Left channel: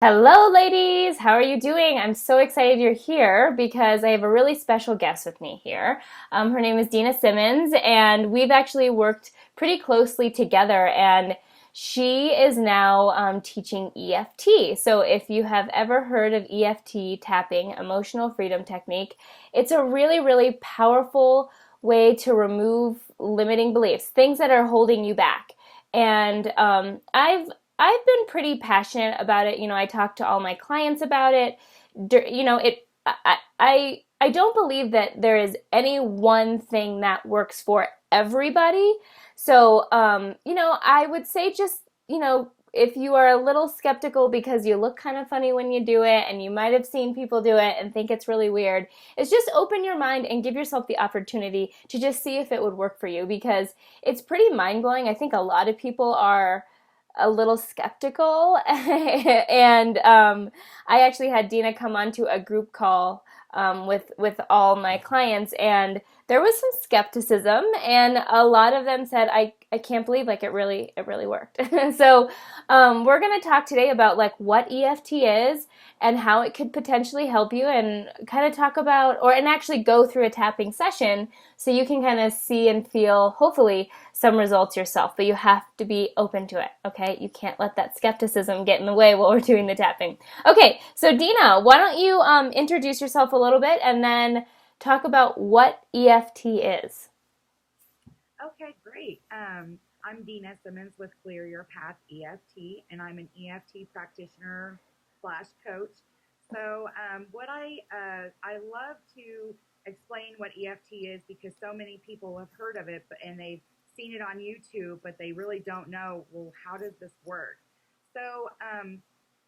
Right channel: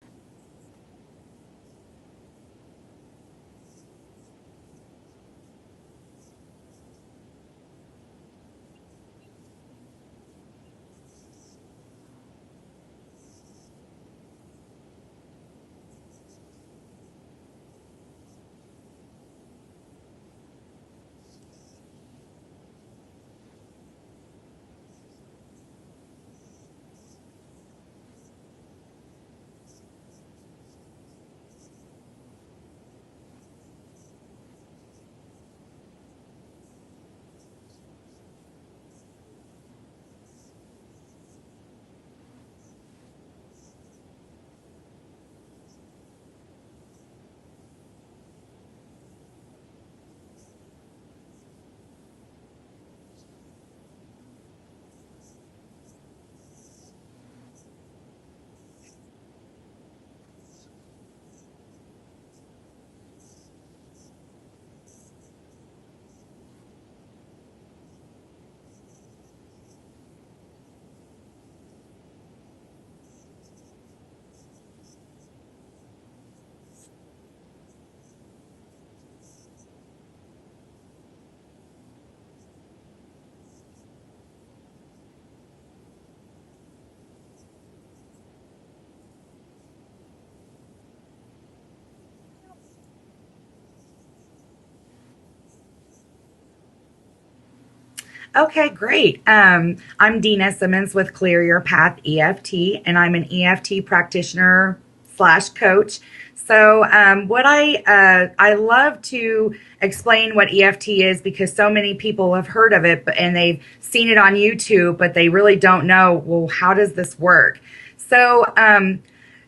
Hello, ladies. How are you doing? I'm so excited you're here because I have a really special guest with me here. Her name is Dena Simmons, and we've actually worked pretty closely together. And she is now teaching EFT. So, if you have ever heard of EFT tapping, emotional freedom technique, it's a really, really powerful way to remove limiting beliefs, things that are holding you back. And I've been pretty passionate about it. I talk to all my clients about it. It. I don't believe that there is any one thing that works for everybody. So, I would say just if you are a little skeptical because you look kind of funny when you do it, and you might have seen people do it and think it's really weird, is just open your mind and give yourself the opportunity to just see if it would work for you, because it's pretty mind blowing. I think a lot of people are a little skeptical. And I actually had Dena come onto a group call with all my clients, and there was some skepticism, and a lot of them said, I can't believe, like, it really worked. So we're going to talk today about like what EFT is and how it could potentially help you, and kind of talk about, and actually go through a tapping session so you can kind of see and feel, hopefully, some results yourself. But you have to be open to it, okay? You can't let that skepticism get in the way while we're doing the tapping. Okay, so Dena, why don't you introduce yourself a little bit, and then talk about what EFT is. Okay, great. I'm Dena Simmons with Clear Your Path EFT, and I'm an EFT practitioner slash coach. So, what I love to explain what EFT is, because so many people have heard of it, and they've seen it on YouTube, but they really don't know, well, how does this work? So,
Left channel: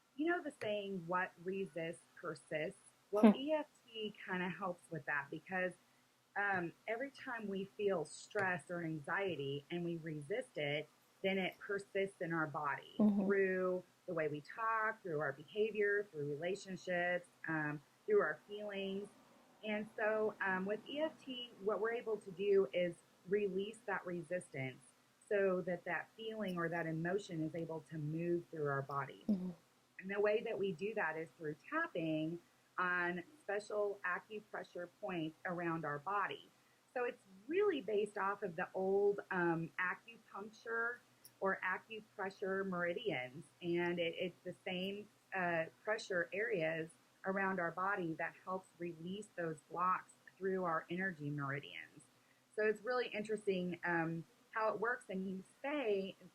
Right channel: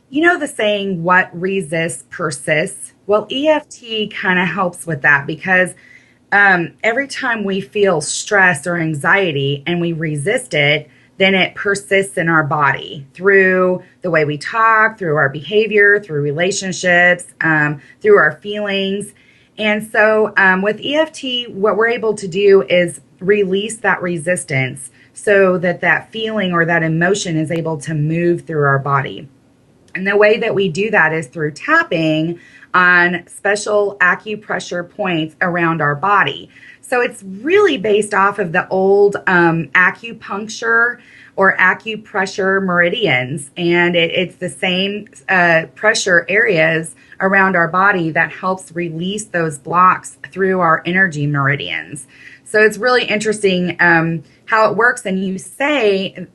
you know the saying, what resists persists? Well, Hmm. EFT kind of helps with that, because every time we feel stress or anxiety and we resist it, then it persists in our body Mm-hmm. through the way we talk, through our behavior, through relationships, through our feelings. And so with EFT, what we're able to do is release that resistance so that that feeling or that emotion is able to move through our body. Mm-hmm. And the way that we do that is through tapping on special acupressure points around our body. So it's really based off of the old acupuncture or acupressure meridians. And it's the same pressure areas around our body that helps release those blocks through our energy meridians. So it's really interesting how it works. And you say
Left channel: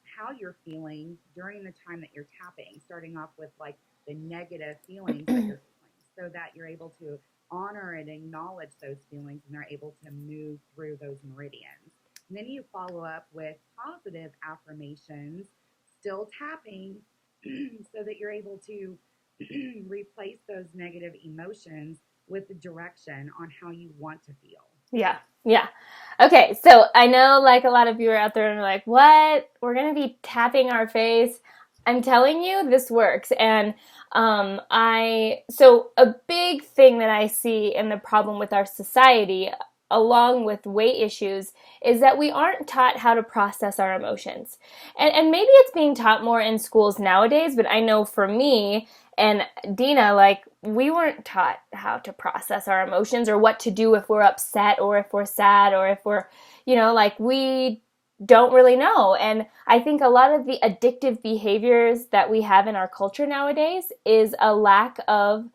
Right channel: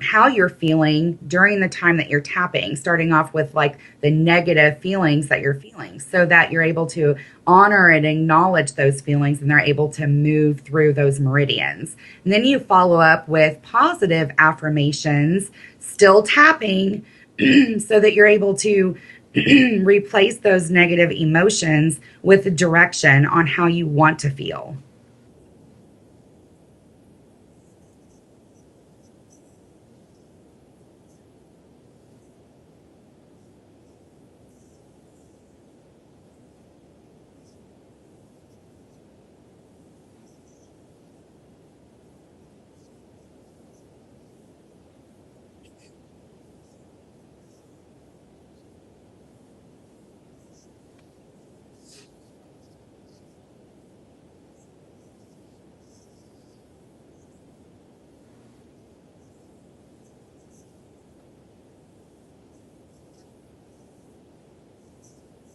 how you're feeling during the time that you're tapping, starting off with like the negative feelings that you're feeling, so that you're able to honor and acknowledge those feelings, and they're able to move through those meridians. And then you follow up with positive affirmations, still tapping, so that you're able to replace those negative emotions with direction on how you want to feel. Yeah, yeah. Okay, so I know, like, a lot of you are out there and are like, what? We're gonna be tapping our face. I'm telling you, this works. And so a big thing that I see in the problem with our society, along with weight issues, is that we aren't taught how to process our emotions. And maybe it's being taught more in schools nowadays, but I know for me and Dena, like, we weren't taught how to process our emotions, or what to do if we're upset, or if we're sad, or if we're, like, we don't really know. And I think a lot of the addictive behaviors that we have in our culture nowadays is a lack of,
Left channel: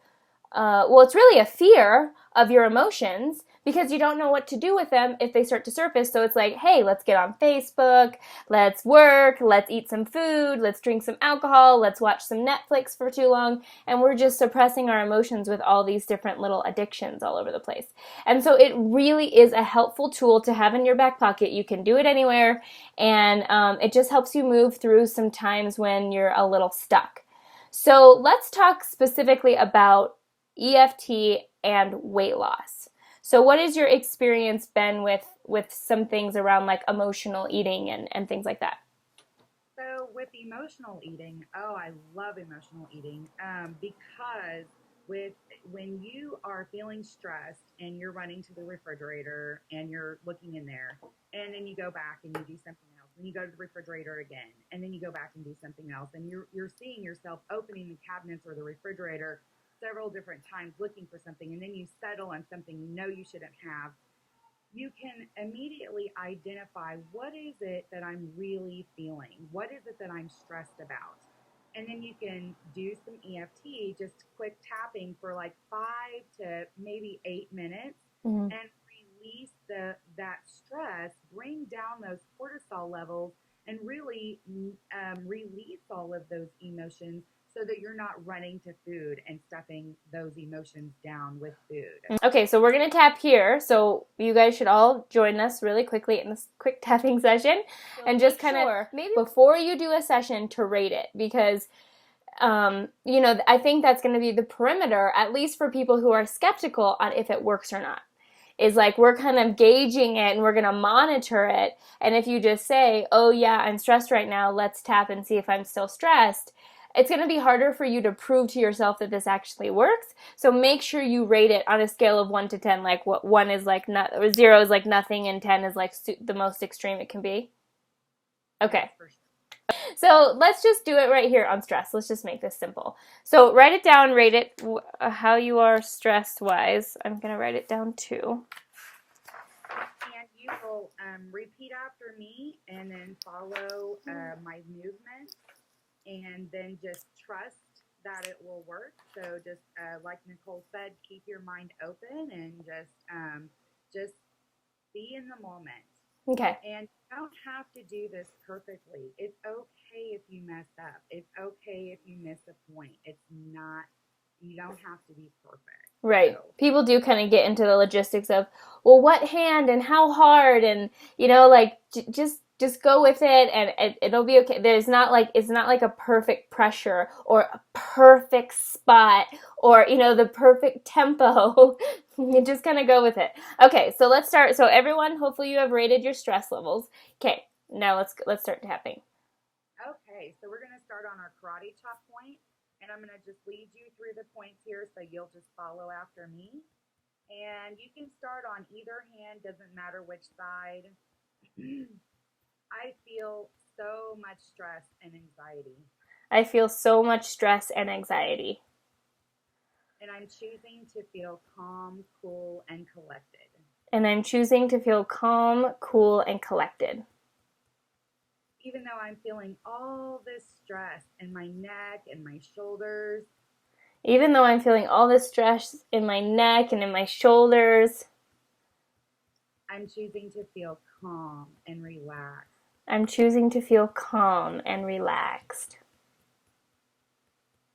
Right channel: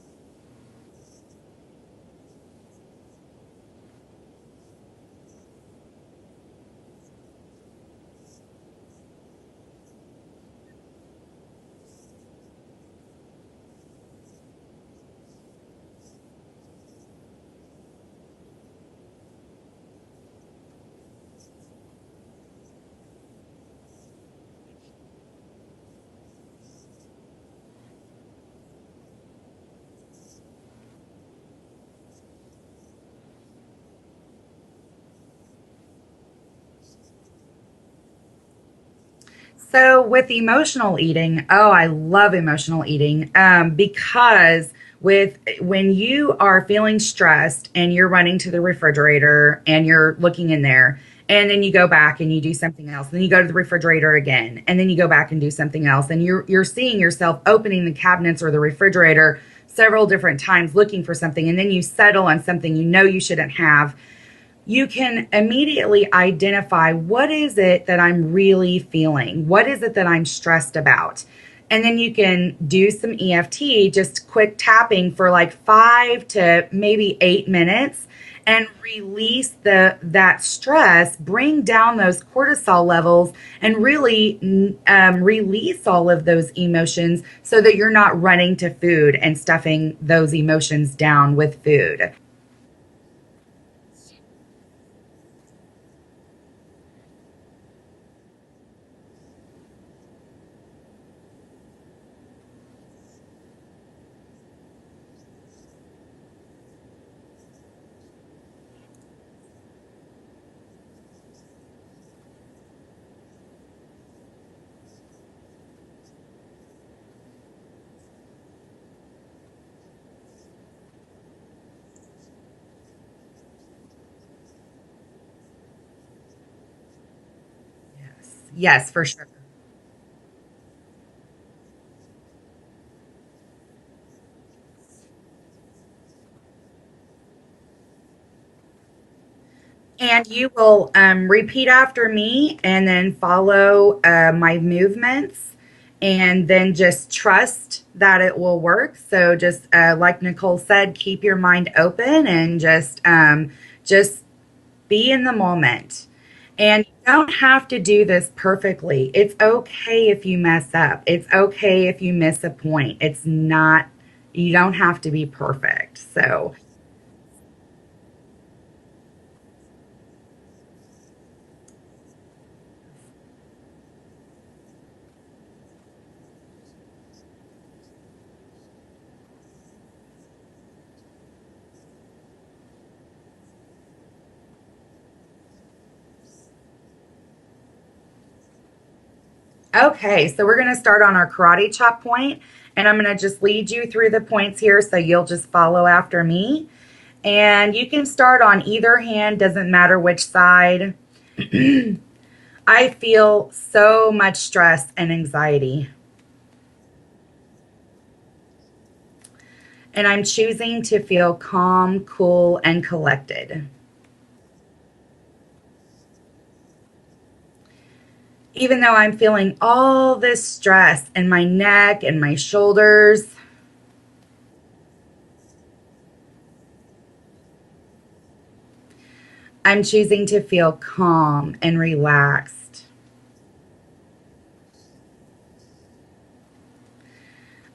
well, it's really a fear of your emotions, because you don't know what to do with them if they start to surface. So it's like, hey, let's get on Facebook, let's work, let's eat some food, let's drink some alcohol, let's watch some Netflix for too long. And we're just suppressing our emotions with all these different little addictions all over the place. And so it really is a helpful tool to have in your back pocket. You can do it anywhere. And it just helps you move through some times when you're a little stuck. So let's talk specifically about EFT and weight loss. So what has your experience been with some things around, like, emotional eating and things like that? So with emotional eating, oh, I love emotional eating, because with when you are feeling stressed and you're running to the refrigerator and you're looking in there And then you go back and you do something else. Then you go to the refrigerator again, and then you go back and do something else. And you're seeing yourself opening the cabinets or the refrigerator several different times looking for something, and then you settle on something you know you shouldn't have. You can immediately identify, what is it that I'm really feeling? What is it that I'm stressed about? And then you can do some EFT, just quick tapping for like 5 to maybe 8 minutes, Mm. and release that stress, bring down those cortisol levels, and really release all of those emotions so that you're not running to food and stuffing those emotions down with food. Okay, so we're going to tap here. So you guys should all join us really quickly in this quick tapping session, and just kind of maybe before you do a session to rate it, because I think that's going to be the perimeter, at least for people who are skeptical on if it works or not. Is like, we're kind of gauging it and we're going to monitor it. And if you just say, oh yeah, I'm stressed right now, let's tap and see if I'm still stressed, it's going to be harder for you to prove to yourself that this actually works. So make sure you rate it on a scale of 1 to 10, like what 1 is like not, or 0 is like nothing, and 10 is like the most extreme it can be. Yes, Okay. yes, for sure. So let's just do it right here on stress. Let's just make this simple. So write it down, rate it how you are stress wise. I'm going to write it down too. And you will repeat after me and then follow my movements, and then just trust that it will work. So just like Nichole said, keep your mind open and just be in the moment. Okay. And you don't have to do this perfectly. It's okay if you mess up. It's okay if you miss a point. It's not, you don't have to be perfect. Right. So people do kind of get into the logistics of, well, what hand and how hard, and like just go with it, and it'll be okay. There's not like, it's not like a perfect pressure or a perfect spot, or the perfect tempo. You just kind of go with it. Okay, so let's start. So everyone, hopefully you have rated your stress levels. Okay, now let's start tapping. Okay, so we're going to start on our karate chop point, and I'm going to just lead you through the points here so you'll just follow after me. And you can start on either hand, doesn't matter which side. I feel so much stress and anxiety, I feel so much stress and anxiety, and I'm choosing to feel calm, cool, and collected. and I'm choosing to feel calm, cool, and collected. Even though I'm feeling all this stress in my neck and my shoulders, Even though I'm feeling all this stress in my neck and in my shoulders, I'm choosing to feel calm and relaxed. I'm choosing to feel calm and relaxed.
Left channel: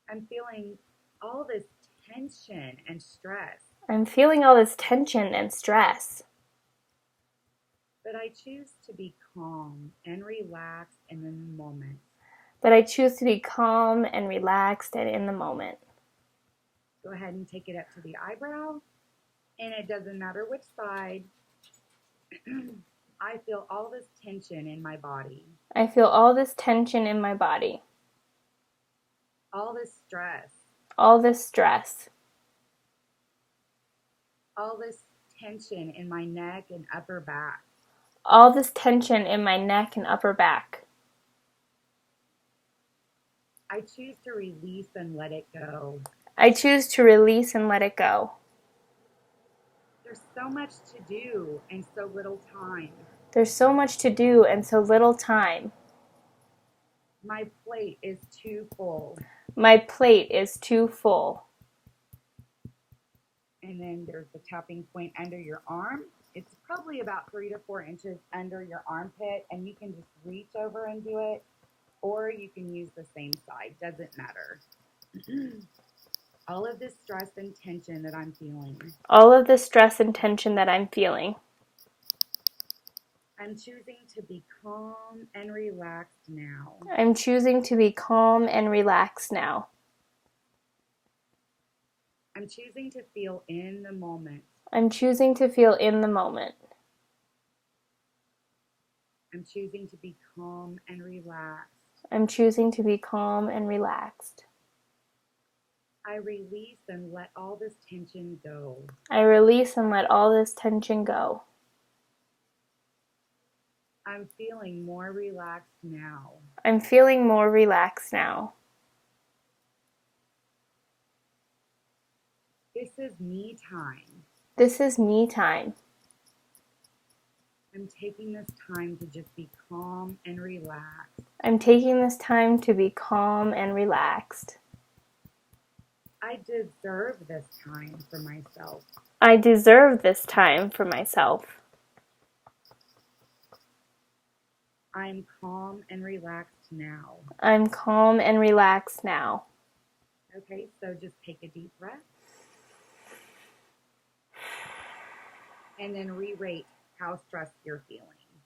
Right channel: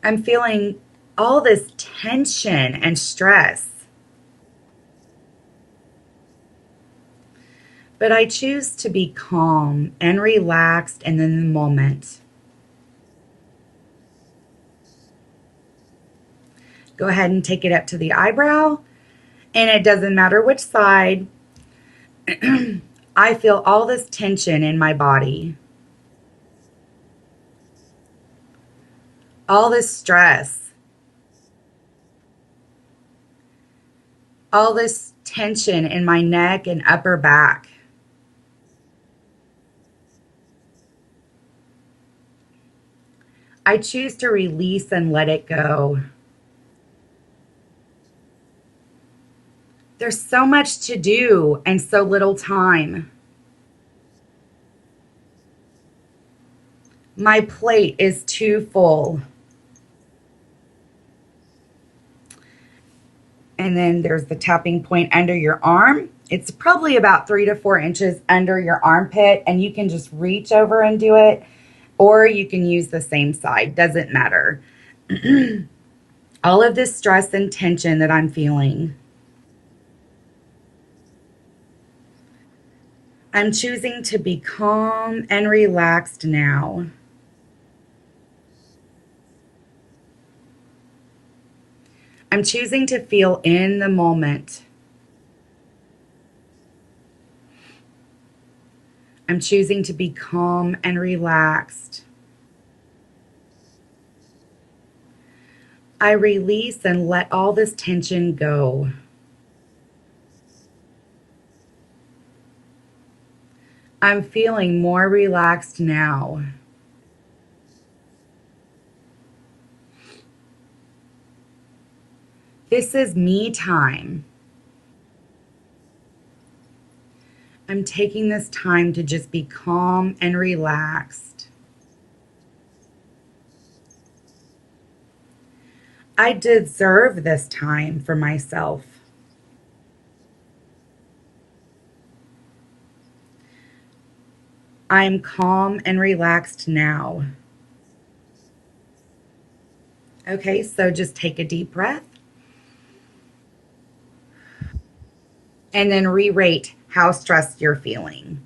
I'm feeling all this tension and stress, I'm feeling all this tension and stress, but I choose to be calm and relaxed and in the moment. but I choose to be calm and relaxed and in the moment. Go ahead and take it up to the eyebrow, and it doesn't matter which side. I feel all this tension in my body, I feel all this tension in my body, all this stress, all this stress, all this tension in my neck and upper back. all this tension in my neck and upper back. I choose to release and let it go. I choose to release and let it go. There's so much to do and so little time. There's so much to do and so little time. My plate is too full. My plate is too full. And then there's the tapping point under your arm. It's probably about 3 to 4 inches under your armpit, and you can just reach over and do it, or you can use the same side. Doesn't matter. All of this stress and tension that I'm feeling, All of the stress and tension that I'm feeling, I'm choosing to be calm and relaxed now. I'm choosing to be calm and relaxed now. I'm choosing to feel in the moment. I'm choosing to feel in the moment. I'm choosing to be calm and relaxed. I'm choosing to be calm and relaxed. I release and let all this tension go. I release and let all this tension go. I'm feeling more relaxed now. I'm feeling more relaxed now. This is me time. This is me time. I'm taking this time to just be calm and relaxed. I'm taking this time to be calm and relaxed. I deserve this time for myself. I deserve this time for myself. I'm calm and relaxed now. I'm calm and relaxed now. Okay, so just take a deep breath and then re-rate how stressed you're feeling.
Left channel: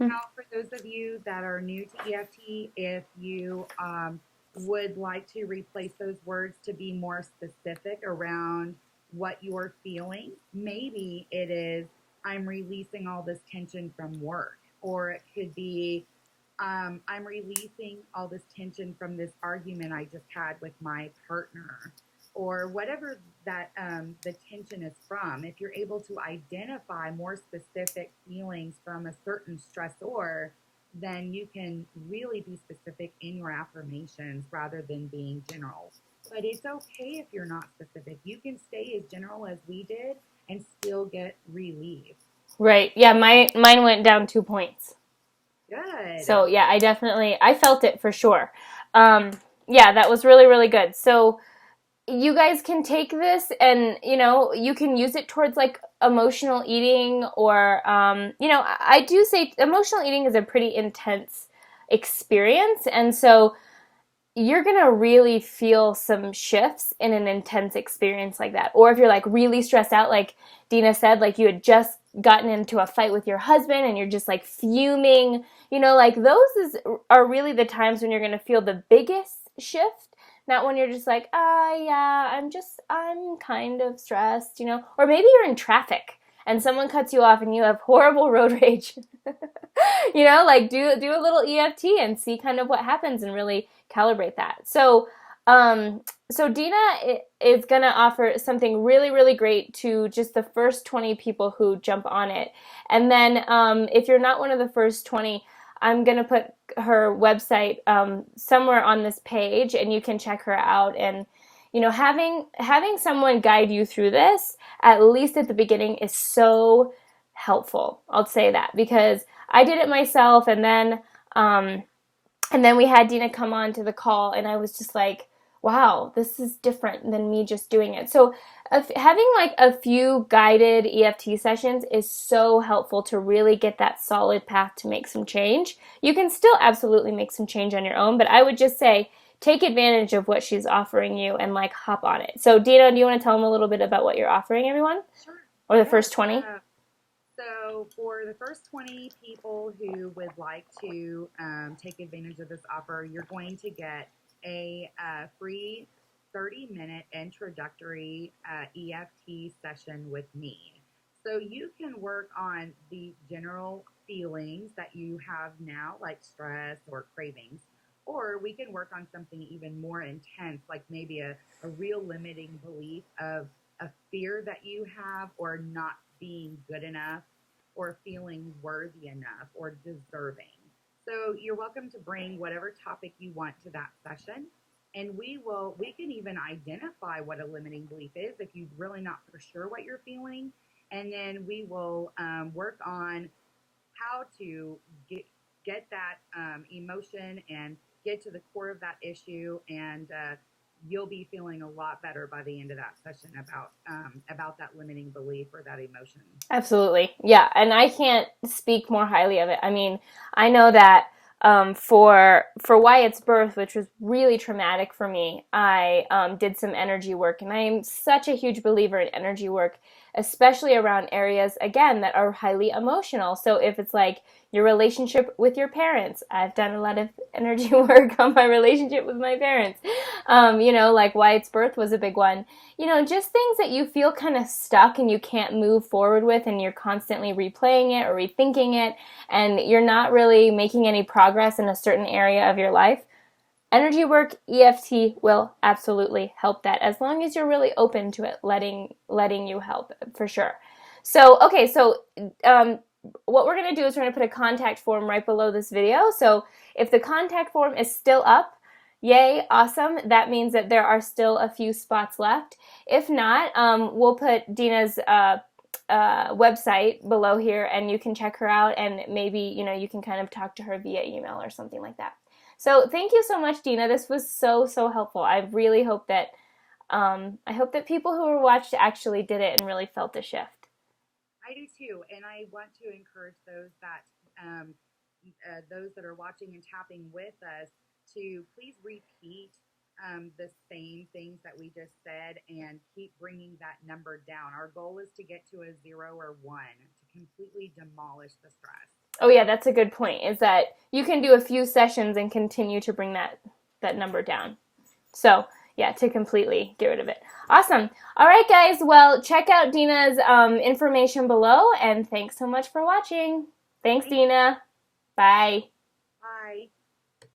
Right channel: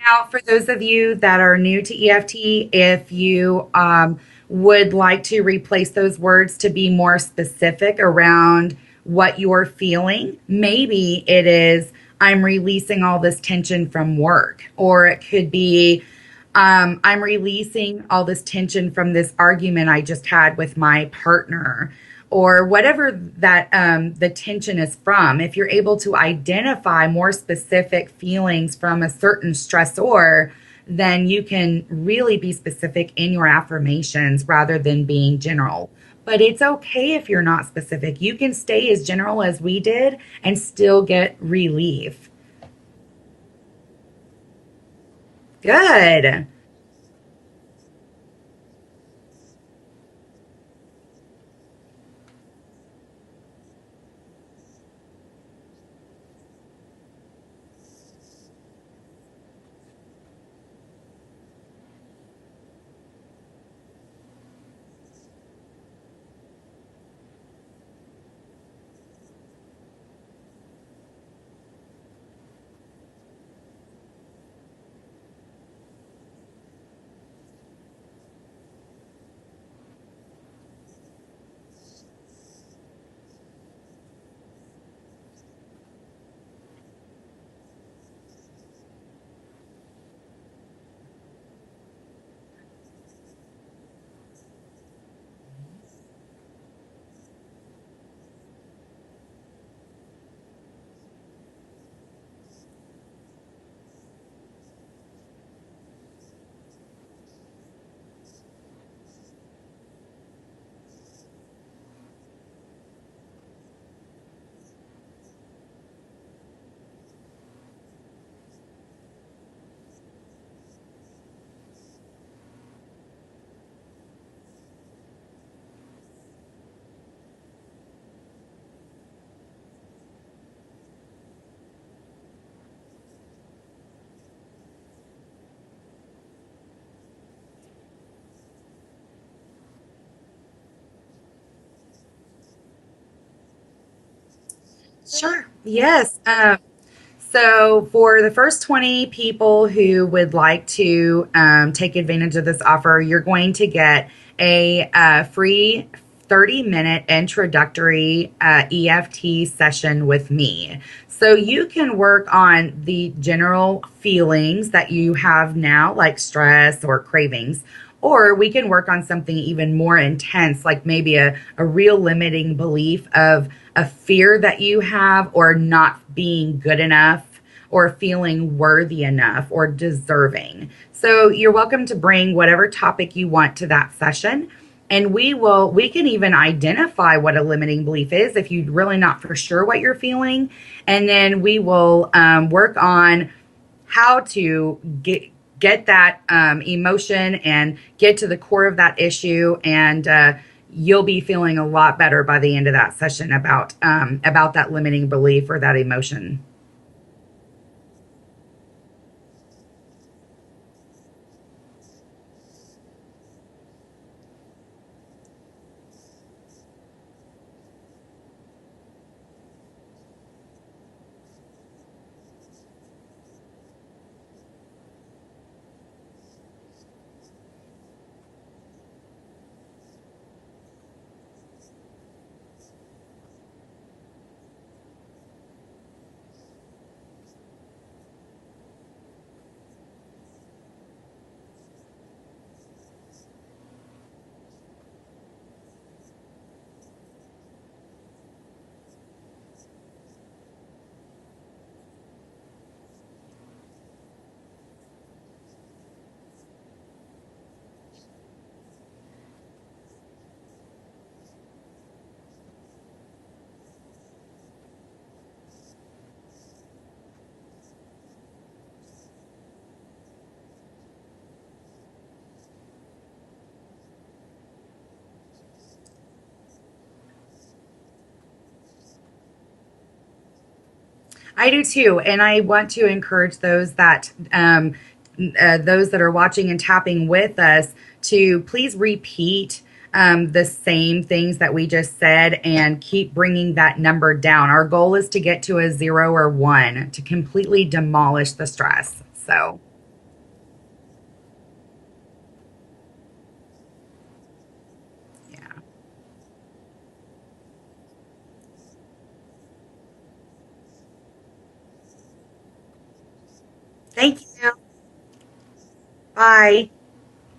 Now, for those of you that are new to EFT, if you would like to replace those words to be more specific around what you're feeling, maybe it is, I'm releasing all this tension from work, or it could be, I'm releasing all this tension from this argument I just had with my partner, or whatever that the tension is from. If you're able to identify more specific feelings from a certain stressor, then you can really be specific in your affirmations rather than being general. But it's okay if you're not specific. You can stay as general as we did and still get relief. Right. Yeah, mine went down 2 points. So Good. yeah, I felt it for sure. Um, yeah, that was really, really good. So you guys can take this and, you can use it towards like emotional eating or, I do say emotional eating is a pretty intense experience. And so you're going to really feel some shifts in an intense experience like that. Or if you're like really stressed out, like Dena said, like you had just gotten into a fight with your husband and you're just like fuming, like are really the times when you're going to feel the biggest shift. Not when you're just like, yeah, I'm kind of stressed, Or maybe you're in traffic and someone cuts you off and you have horrible road rage. Like do a little EFT and see kind of what happens and really calibrate that. So Dena is going to offer something really, really great to just the first 20 people who jump on it. And then if you're not one of the first 20, I'm going to put her website somewhere on this page and you can check her out. And, having someone guide you through this, at least at the beginning, is so helpful. I'll say that because I did it myself and then we had Dena come on to the call, and I was just like, wow, this is different than me just doing it. So having like a few guided EFT sessions is so helpful to really get that solid path to make some change. You can still absolutely make some change on your own, but I would just say take advantage of what she's offering you and like hop on it. So Dena, do you want to tell them a little bit about what you're offering everyone? Sure. Or the first Yes. 20? So, for the first 20 people who would like to take advantage of this offer, you're going to get a free 30-minute introductory EFT session with me. So, you can work on the general feelings that you have now, like stress or cravings. Or we can work on something even more intense, like maybe a real limiting belief of a fear that you have, or not being good enough, or feeling worthy enough, or deserving. So you're welcome to bring whatever topic you want to that session. And we can even identify what a limiting belief is if you're really not for sure what you're feeling. And then we will work on how to get that emotion and get to the core of that issue, and you'll be feeling a lot better by the end of that session about that limiting belief or that emotion. Absolutely. Yeah. And I can't speak more highly of it. I mean, I know that for Wyatt's birth, which was really traumatic for me, I did some energy work. And I am such a huge believer in energy work, especially around areas, again, that are highly emotional. So if it's like your relationship with your parents, I've done a lot of energy work on my relationship with my parents. Like Wyatt's birth was a big one. Just things that you feel kind of stuck and you can't move forward with, and you're constantly replaying it or rethinking it, and you're not really making any progress in a certain area of your life. Energy work, EFT will absolutely help that, as long as you're really open to it letting you help, for sure. So, okay, so what we're going to do is we're going to put a contact form right below this video. So if the contact form is still up, yay, awesome. That means that there are still a few spots left. If not, we'll put Dena's website below here, and you can check her out, and maybe you can kind of talk to her via email or something like that. So thank you so much, Dena. This was so helpful. I really hope that people who were watched actually did it and really felt a shift. I do too, and I want to encourage those that are watching and tapping with us to please repeat the same things that we just said and keep bringing that number down. Our goal is to get to a 0 or 1 to completely demolish the stress. Oh yeah, that's a good point. Is that you can do a few sessions and continue to bring that number down. So yeah, to completely get rid of it. Awesome. All right, guys. Well, check out Dena's information below, and thanks so much for watching. Thanks, Dena. Bye. Bye.